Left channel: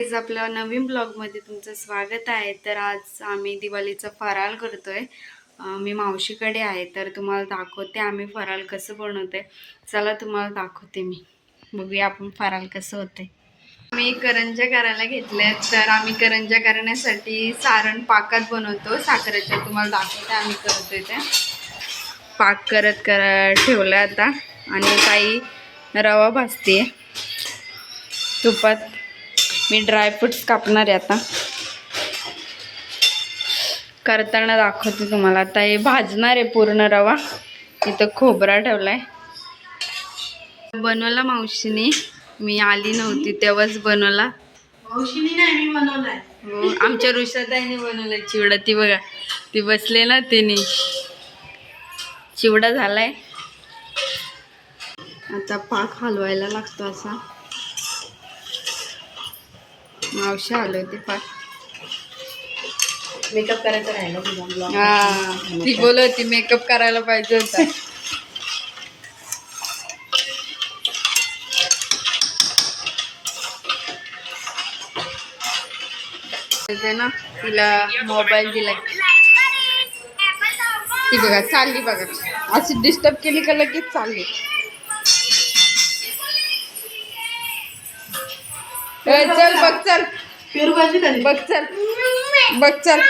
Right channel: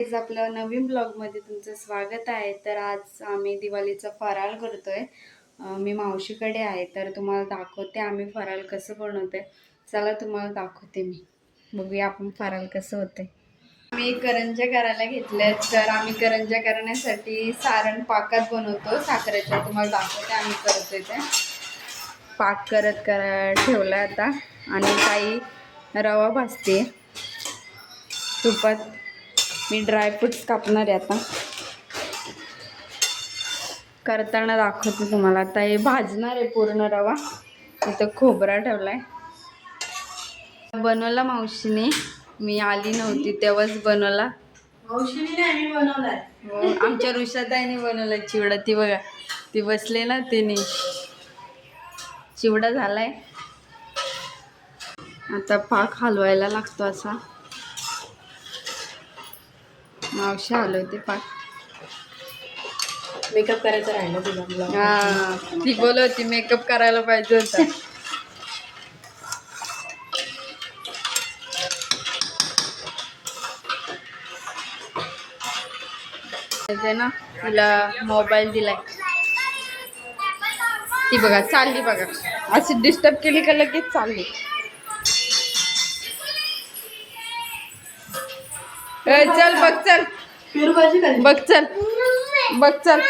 आपल्या नवीन ब्लॉगमध्ये तुमचं स्वागत आहे। तर आज आम्ही दिवाळीचा फराळ करतोय। मी मावशीकडे आहे तर तुम्हाला दाखवते आम्ही फराळ कसं बनवते। चला तुम्हाला दाखवते मी, बघूया आपण फराळ कसं होते। आम्ही करंज्या करायला घेतल्या, तर आम्ही करंज्या करण्यासाठी सारण पाकात बनवतो साखरेच्या। तुम्हाला दाखवते आम्ही करतोय ते पाक करत ठेवला आता, आणि ताई रवा भाजते तुपात। मी ड्रायफ्रूट्स कापणार आहे आता, करताना दाखवते तुम्हाला। आता हे भाजणार आहे पूर्ण रवा। इथं खोबरा ठेवलाय, बनवला मावशीने, मी आली नव्हती तेव्हाच बनवला। मावशीने नाही, मी बनवलाय। हो, आमच्या ऋषाताईने बनवलाय चिवडा। ती बघा, ती बसले ना, तिने चिवडा झालाय। आता पाक हलवायला लागतो असा। मावशी हलवते पाक। मेकअप करायचं राहिलं तुझा ब्लॉग। हा, ती बोलवती मेकअप करायला पाहिजे होता। ना तिला मोबाईल दिलाय, ती बघा चालली बघा, अशी डिस्टर्ब केली का लगेच चालली। चल बघ, चल पेरू भाजी खाली बघ, चल बघ, चल।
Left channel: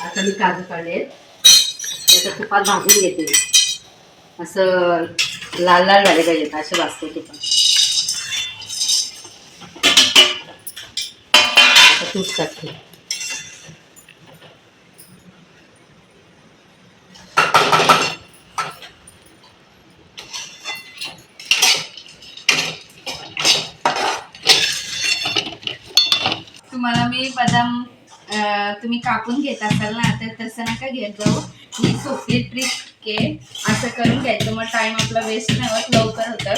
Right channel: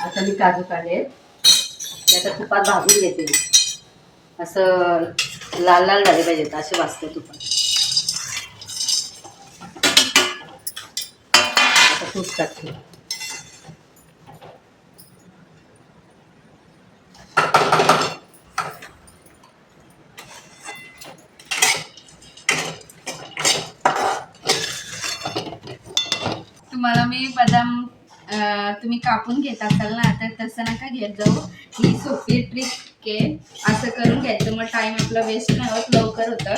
आता मी काजू काढले, त्याच्या तुपात भाजून घेते। असं लाल लाल झाले पाहिजेत, असे भाजते तुपात। आता तूप टाकते। तुम्हाला मी बदाम तुम्ही कापून घेत असाल ना, तर तसं नका घेत जाऊ। ही सोपी ट्रिक आहे, असं करून घ्यायचं, मग टाइम आपला वेस्ट नाही होत, लवकर होतं।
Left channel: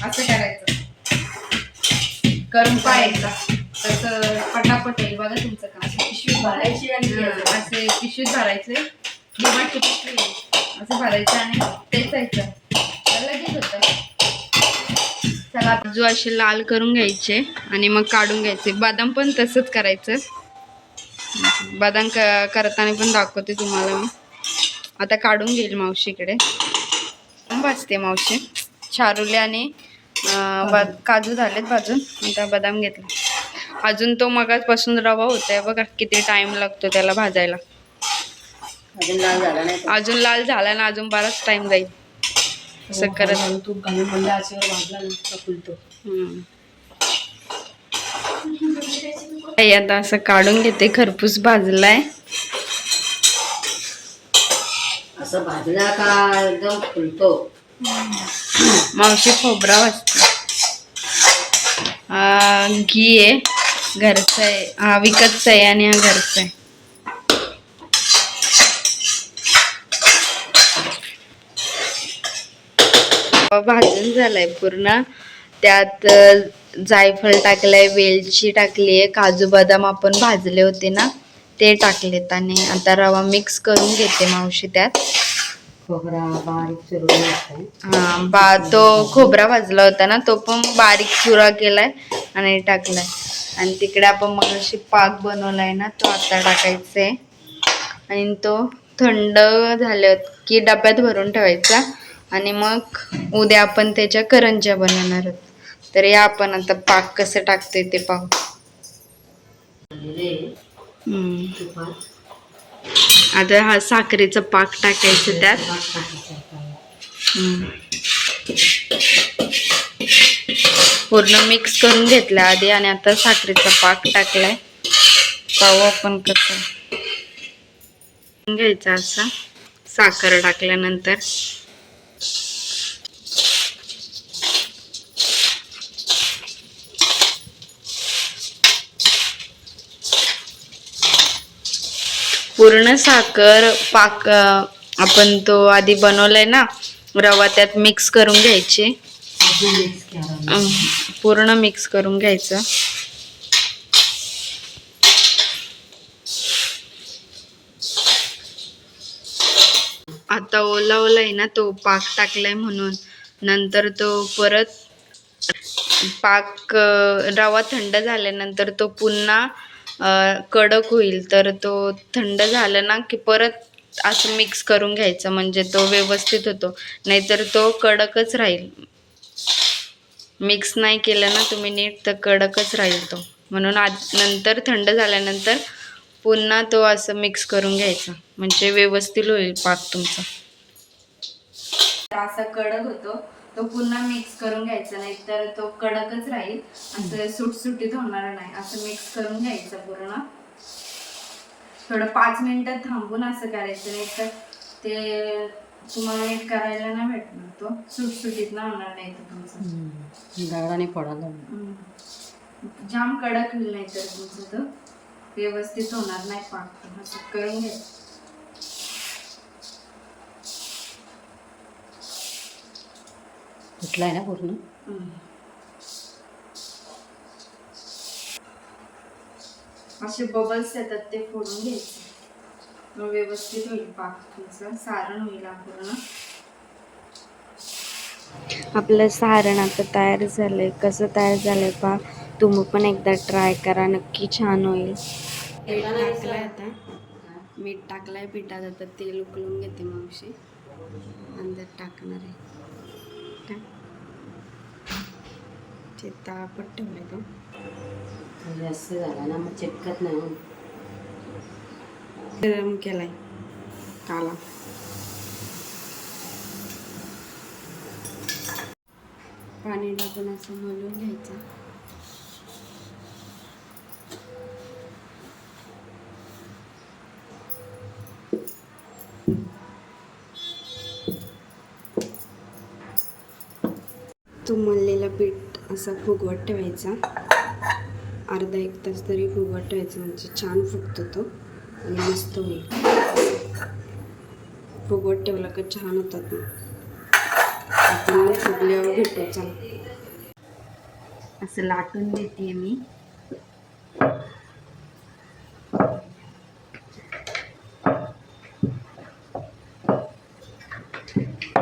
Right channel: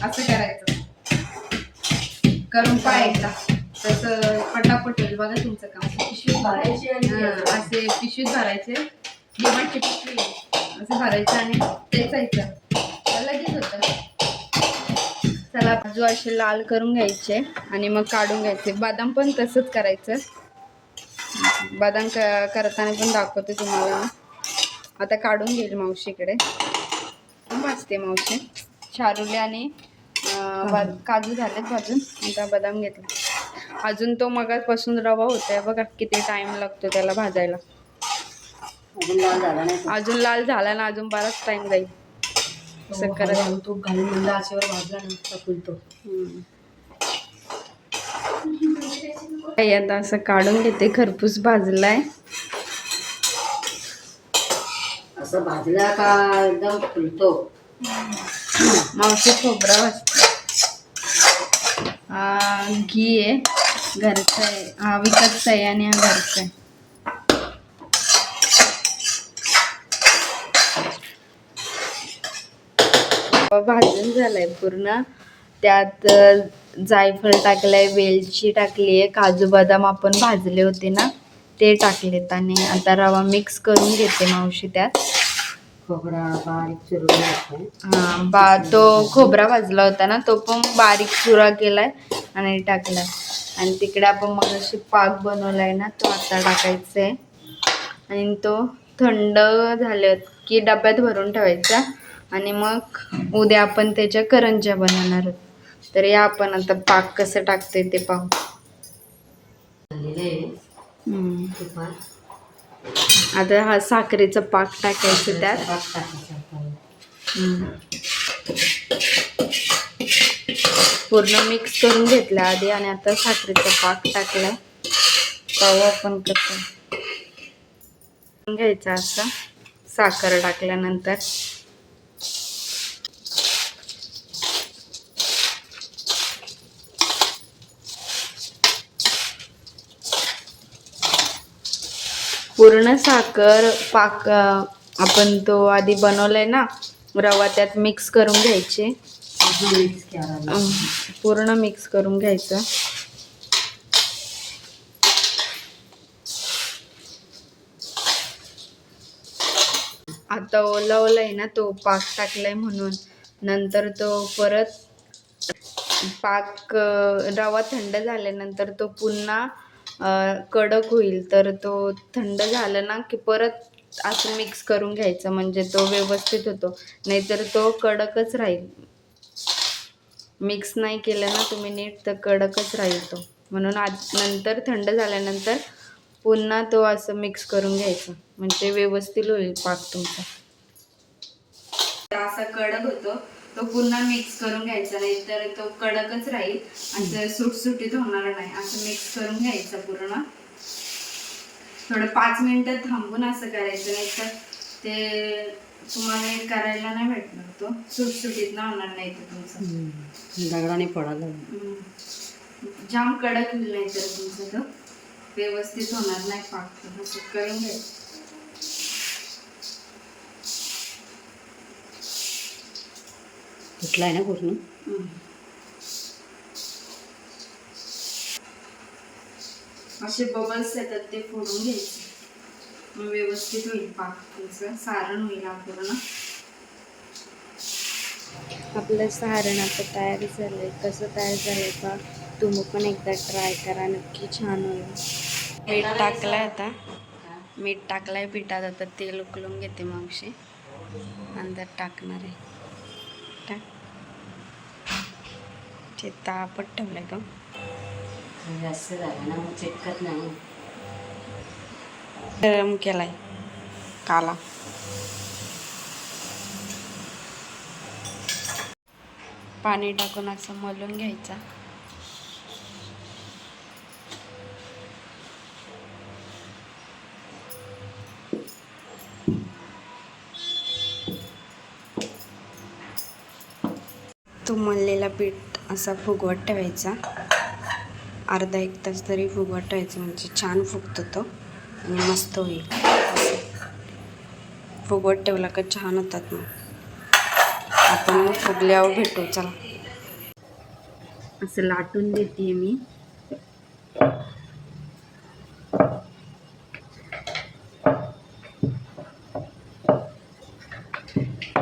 असं करायचं, करून पाहायचं, तसं पटापट होईल बघा तुमचं काम। पिशवीत भरायची आणि असे पिशवीत भरायचे, डिमांडची पिशवी असं भरायचं आणि पेचायचं, लगेच होतं। चला, काजू असे लाल करून घ्यायचे आणि मग काढून घ्यायचे। बदाम पण तसंच करायचं, बदाम करताना पण दाखवते तुम्हाला मी। आता काढून घेईल मावशीकडे, भाजते मावशी। चारुले आणि काजू झालेत भाजून, आता बदाम घेतला। अजून तो मगाचपासून रवा होतोय बघा, किती टाइम लागतो त्याला भाजायला। अजून लाल झाला नाही, अजून लाल झाला ना, अजून बराच टाइम जाईल। असं करत तूप घालून मंद आचेवर भाजला ना फुलतो। आता असं काढून घेते, खरपूस भाजलाय। असं भाजला का एकदम फुलतो। मावशी खोबरा भाजते, घी आहे, घरचं आहे, हा विकतचा आहे आणि हा घरचा आहे। भाजून झालाय पूर्ण, त्यात जायफळ टाकलंय, वेलची टाकलीये, काजू बदाम आपण भाजले होते ना ते टाकलेत, आणि आता रवा मिक्स करून घेते मावशी त्यात। खोबरा बारीक चिरून तो खोबरा भाजला होता ना, तो पण बारीक चुरा केलाय आणि टाकलाय। आणि तिकडे आपण मग अशी पाक बनवलाय ना, तो आता टाकायचा आहे, आणि तो थंड झाले की डब्यात भरून ठेवायचा, आणि मग उद्या आपण त्याच्या करंज्या बनवणार आहोत। तर या आपण आता पाक कसं टाकतोय ते पाहू। आता हा साखरेचा पाक टाकायचं त्यात। पूर्ण मिक्स करून घेतला आधी, आणि आता साखरेचा पाक टाकलाय। पाहू आपण कसं घ्यायचा असा साखर टाकल्यानंतर। पूर्ण साखर पाक आपण तो आधी बनवलाय ना रवा, त्यात मिक्स करून घ्यायचे, पूर्ण मिक्स करून घ्यायचं। आता ओला ओला आहे ना तो पाक टाकलाय म्हणून, नंतर तो परत पाक रवा थंड झाल्यानंतर तो पुन्हा कडक होईल. तर तो थंड झाला ना की परत असं मिक्स करून घ्यायचं, म्हणजे तो व्यवस्थित होतो. नाहीतर तो कडकच राहील. मिक्स नाही केलं ना तुम्ही नीट तर कडकच राहील तो. म्हणून नंतर थंड झाल्यानंतर पुन्हा तो असं मिक्स करून घ्यायचा, म्हणजे व्यवस्थित होईल पाक तुमचा. असा कडक होतो तो पुन्हा मिक्स करून घ्यायचा, नाही तर तो कडकच राहील. असं सुटसुटीत होणार नाही. असं मिक्स करून घ्यायचं पूर्ण. थोडं 5 मिनिटं थांबून असं करायचं, नाही तर ते तुम्हाला नीट करायला नाही भेटणार. तो सुटसुटीत ना होणार नाही तर तुमचं दगडाने फोडायला. जाम कडक होईल, नाही तर तुमचं तो व्यवस्थित होणार नाही पाक. असं करून घ्यायचं. कुठला आहे ना पूर्ण. असे बबल्स येतात ते फोडून घ्यायचे, मग व्यवस्थित होईल पाक तुमचं. सारण होईल पूर्ण. आपलं सारण आता तयार झालंय. कसं तयार झालंय पा, तुम्ही पण एकदा ट्राय करा, नक्की छान होईल. मीठ टाकलंय आता. मीठ टाकलंय पिठात. आता तेल उकळून घेते मावशी, अंदर टाकणार आहे. ते तापत ठेवलंय का जास्त झाला ना मग चिटकत नाही. गरम केलाय काला. पाणी टाकून असं मलून घ्यायचा. तो मळलेला पीठ असा फुगवत ठेवायचा. अर्धा 1 तास तरी फुगवत ठेवायचं, म्हणजे छान फुगतो तो आणि मस्त होईल. फुगवत ठेवला का छान होतात. मग आपण मग फुगल्यावर भेटू. चला, असं लाटून देते मी.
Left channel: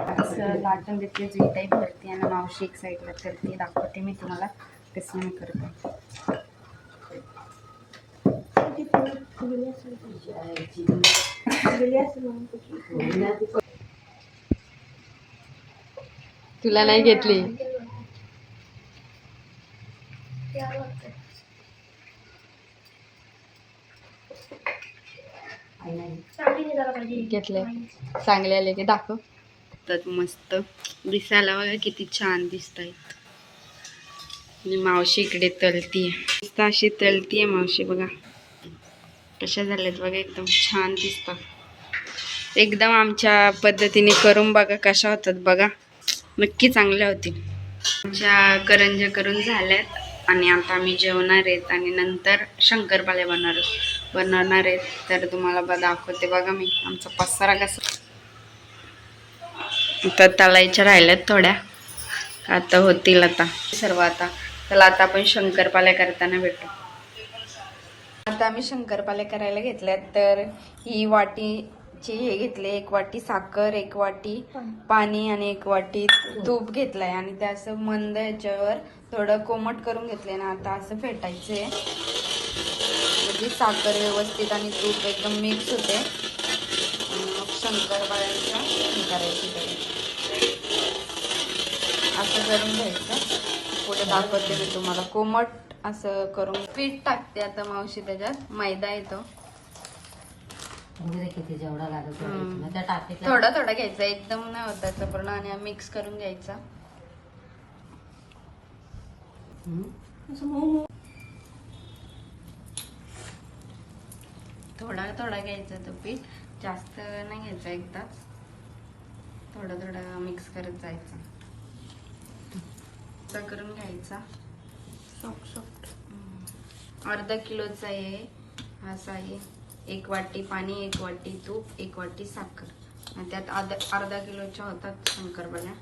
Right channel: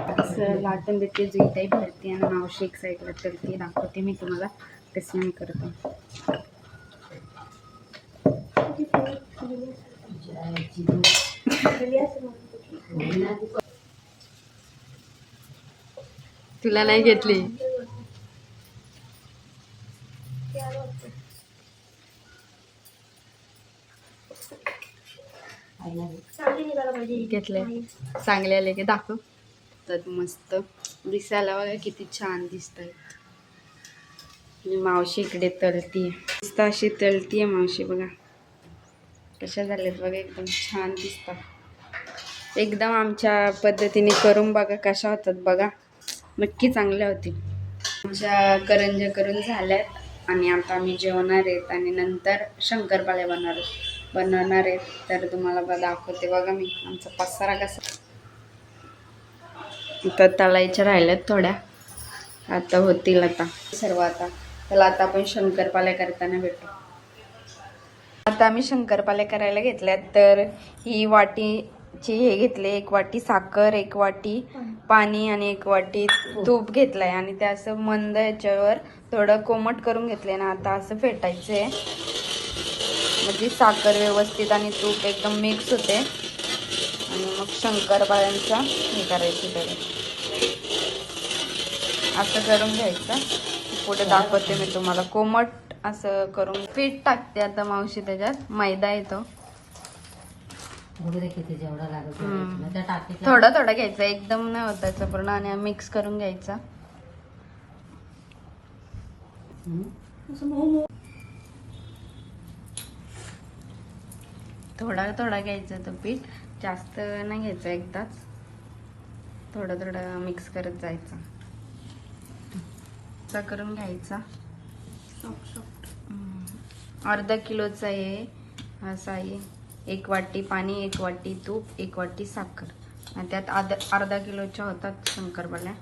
असं लाटून देते, जी टाईप भरते. आणि मावशी एक साईडला करते, दाखवते मी तुम्हाला कसे मी करते. तुला नाही घेतली. घेतले चांगले आले की दाखव. तर मस्त दिसायला बघा किती छान दिसत आहेत. आणि मावशी इकडे तळतीये, मस्त अशी तळतीये मावशी. बघा कशा झाल्यात बघा, एकदम छान दिसतात. एकदम आमच्या पद्धतीने करून बघा कशा होतात बघा, नक्की चांगल्या होतील. आमच्या करंज्या करून झाल्यात आणि आता आम्ही जेवणार आहेत आणि नंतर शंकरपाळे बनवणार आहेत. तर तुम्हाला दाखवते बघा मी आमचा पसारा कसा. आता तळायच्या राहिल्यात थोड्या, आता होतील आता सर्व. आता चला, आता आपण शंकरपाळे करताना भेटू. आता आम्ही शंकरपाळे करायला घेतल्यात. तर ही वाटीची हे घेतले, 1 वाटी साखर, 1 वाटी पाणी आणि 1 वाटी तूप घेतलंय. आणि ते असं मंद याच्यावर थोडं कोमट करून घेतलंय ना. आता असं फेटायचंय, म्हणजे साखर व्यवस्थित आणि तूप एकदम मिक्स होते. आणि मग शंकरपाळ्यांचा हे करायचं त्याला असं करून घ्यायचं. पुढे दाखवते मी तुम्हाला. कोमट असं करून पीठ टाकते आता मावशी, त्याच्यात मैदा येतो. थोडा थोडा घ्यायचा, एकदम नाही होत त्याचं पूर्ण. आणि मिक्स करून घ्यायचा. थोडा थोडा घ्यायचं तो पीठ, जास्त नाही घ्यायचं एकदाच. थोडं थोडं मिक्स करत जायचं. असा करून घ्यायचा. अर्धा किलोचा आहे असा आहे. 1 वाटी पाणी, 1 वाटी तूप, 1 वाटी साखर. आणि त्यात अर्धा किलोच्या होतात शंकरपाळ्या.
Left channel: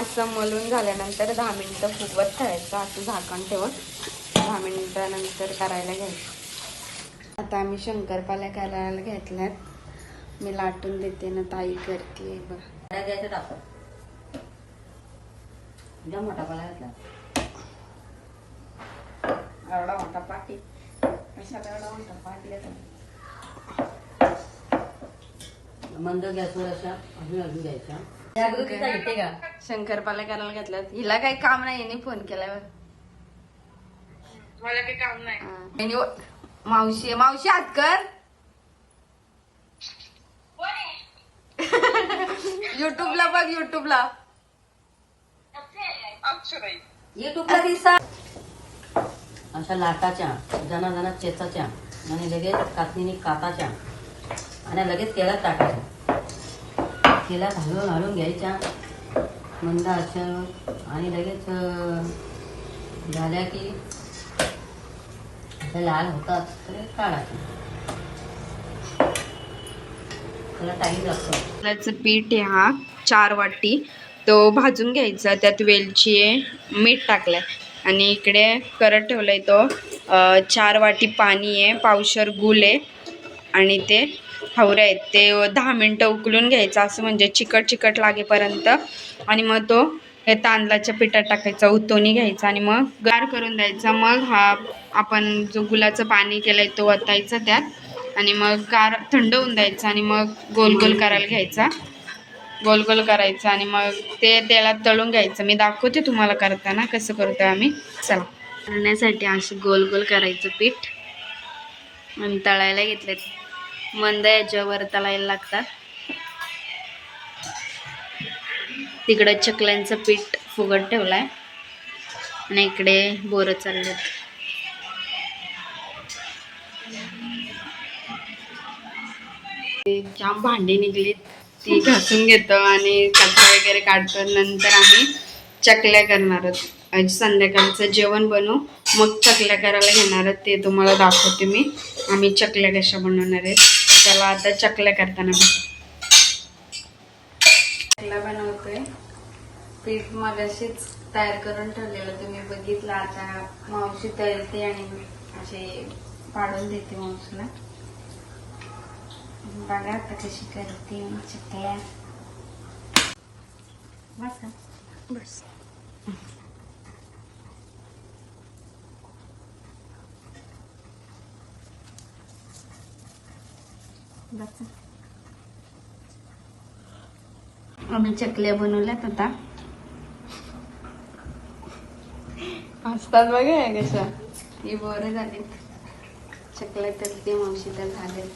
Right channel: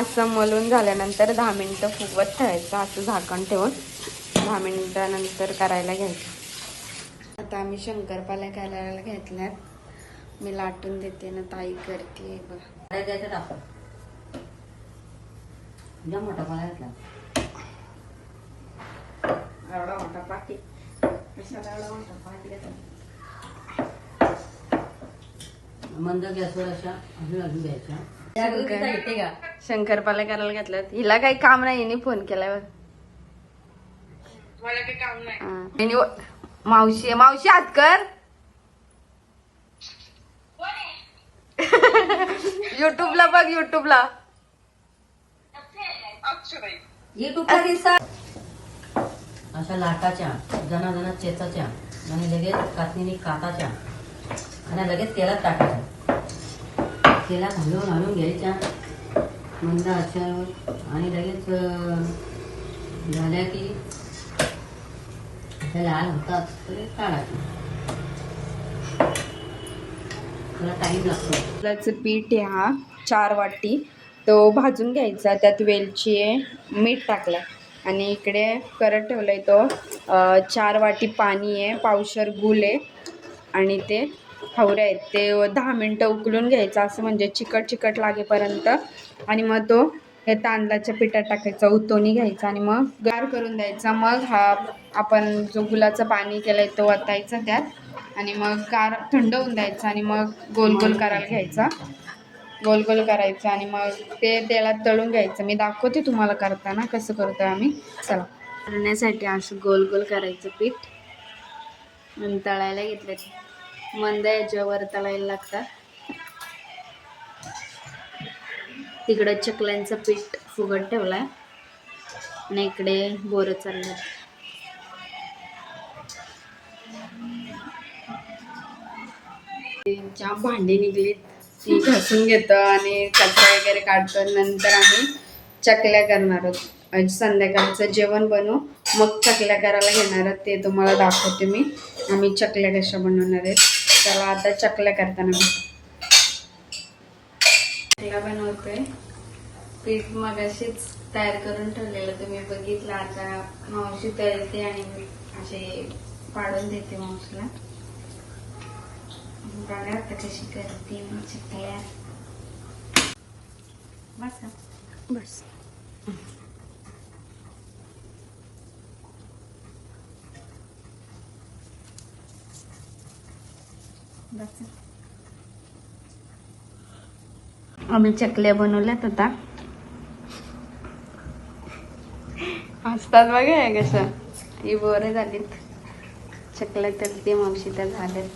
असं मलून झाल्यानंतर 10 मिनिटं फुगवत ठेवायचं, असं झाकण ठेवून. 10 मिनिटानंतर करायला घ्यायचं. आता आम्ही शंकरपाळ्या करायला घेतल्यात. मी लाटून देते ना, ताई करते बघा. एकदम मोठा पाला घातला. एवढा मोठा पाटी कशाला एवढा मोठा पाटी घेतला? मंद गॅसवर अशा अजून अजून द्यायच्या. त्या बघितलं येते का? शंकरपाल्या करायला घातल्यात. हिला काही काम नाही, हिने फोन केल्यावर. मला काही काम नाही. मावशी मावशी हात कर. युट्यूबला बघ, युट्यूबला. युट्यूबला दिसा अशा लाटाच्या जना चेचाच्या आणि लगेच कातणीने काताच्या आणि लगेच तेलात टाकायच्या. तेलात हलवून घ्यायच्या मंद आचेवर आणि लगेच झाल्या की त्या लाल होतात तर काढायचे. त्याला टाईम लागतो. त्याचं पीठ आहे हा 4 वाटी, तो भाजून घ्यायचा. त्यात वेलची आहे, मीठ टाकलंय आणि इकडे करत ठेवलंय तो 4 वाटी पाणी आहे, पावशर गूळ आहे आणि ते हवरे आहेत. ते 10 मिनटं उकळून घ्यायचं असं म्हणजे चिकट लागेपर्यंत. आणि मग तो हे तांदळाच्या पिठात टाकायचा, उतोनी घ्यायचा आणि मग गार करून द्यायचा. मग हा आपण जो गुलाचं पाणी केलंय तो ओतायचा त्यात आणि मग गार थंड होऊन द्यायचा आणि मग गोल गोल करायला घ्यायचा. गोल गोल करायचं आणि मग ते तेलात तळून घ्यायचं. मी दाखवते तुम्हाला करताना कसं करतोय आम्ही. चला. करण्यासाठी असं गोल गोल करायचं पीठ आणि तळायला घेतले. मंद याच्यावर तळायला लागतात. तिकडं चकल्यांचं पीठ फुगत ठेवलाय आणि इकडे बोरं चाललेत. जाम भांडी निघलीत, ती घासून घेतो आणि कचरा वगैरे काढतो. नंतर आम्ही चकल्या करणार आहोत. संध्याकाळचं जेवण बनवू मग चकल्या करायला घेणार आहोत, ते तुम्हाला दाखवते मी. आम्ही चकल्या कशा बनवणार आहेत. चला आता चकल्या करताना भेटू. चकल्या बनवते. पीठ मगाशीच तयार करून ठेवलेलं तुम्ही बघितलं. आता मावशी तळते आणि असे पाडून देते मावशीला. बघा आता कशी करते चकल्या. बस का? बस. बस. आम्ही चकल्या बनवल्यात आता. हसतात बघा हे कसं. ही बोरं झालीत. चकल्या तर ते मावशी त्या झाल्यात.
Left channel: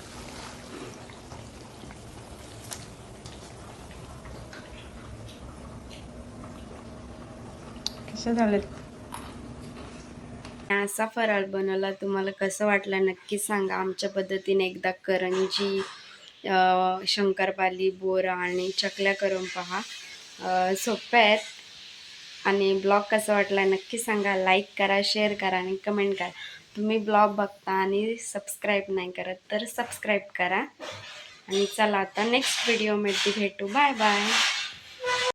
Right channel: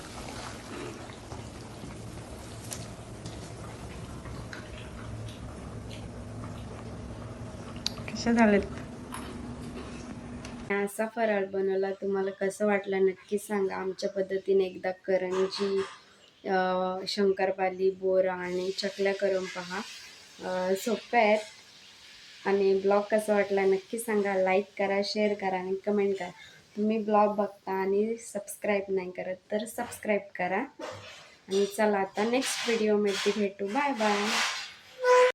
कशा झाल्यात. असा फराळ बनवला. तुम्हाला कसं वाटलं नक्की सांगा. आमच्या पद्धतीने एकदा करंजी, शंकरपाली, बोरा आणि चकल्या करून पहा. सोप्या आहेत. आणि ब्लॉग कसा वाटला नक्की सांगा. लाईक करा, शेअर करा आणि कमेंट करा. तुम्ही ब्लॉग बघता आणि सबस्क्राईब नाही करत तर सबस्क्राईब करा. आणि चला आता नेक्स्ट व्हिडिओमध्ये भेटू. Bye bye.